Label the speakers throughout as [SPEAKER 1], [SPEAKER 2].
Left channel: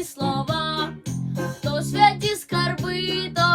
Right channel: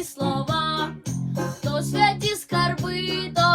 [SPEAKER 1] слова, то святі скарби. то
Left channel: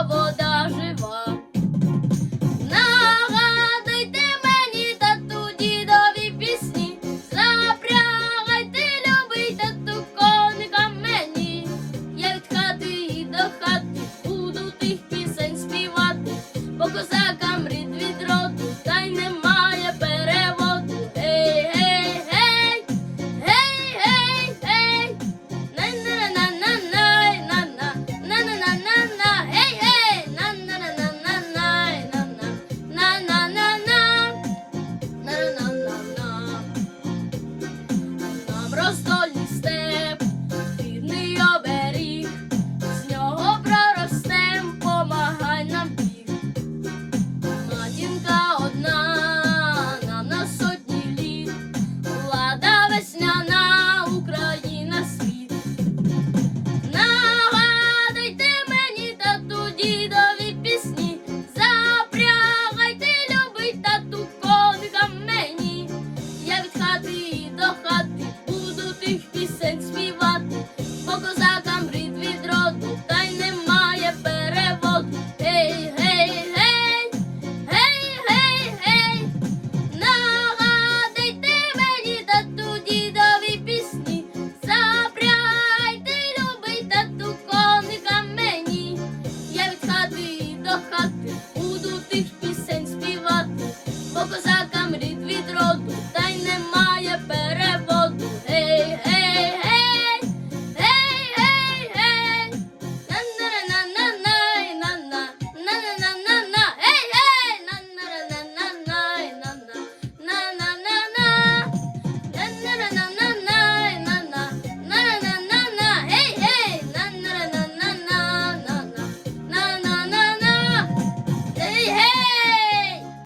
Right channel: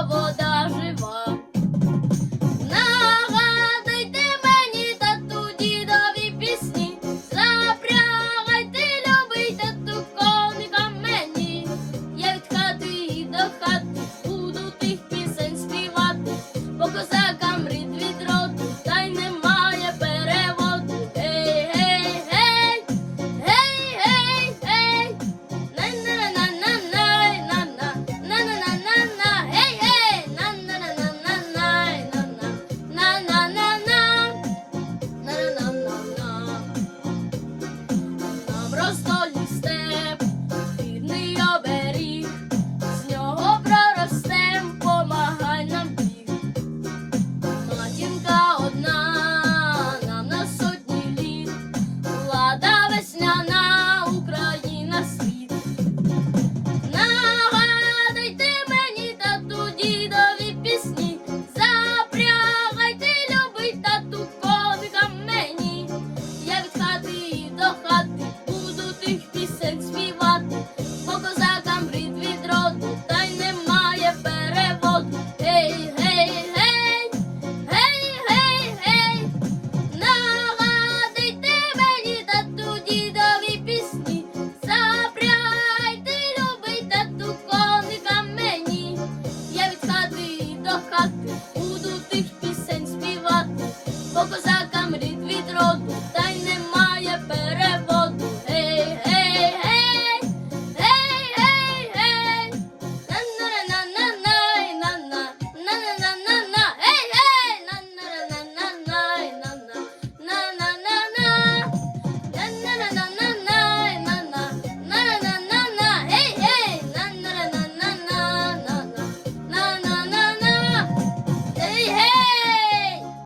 [SPEAKER 1] Bye.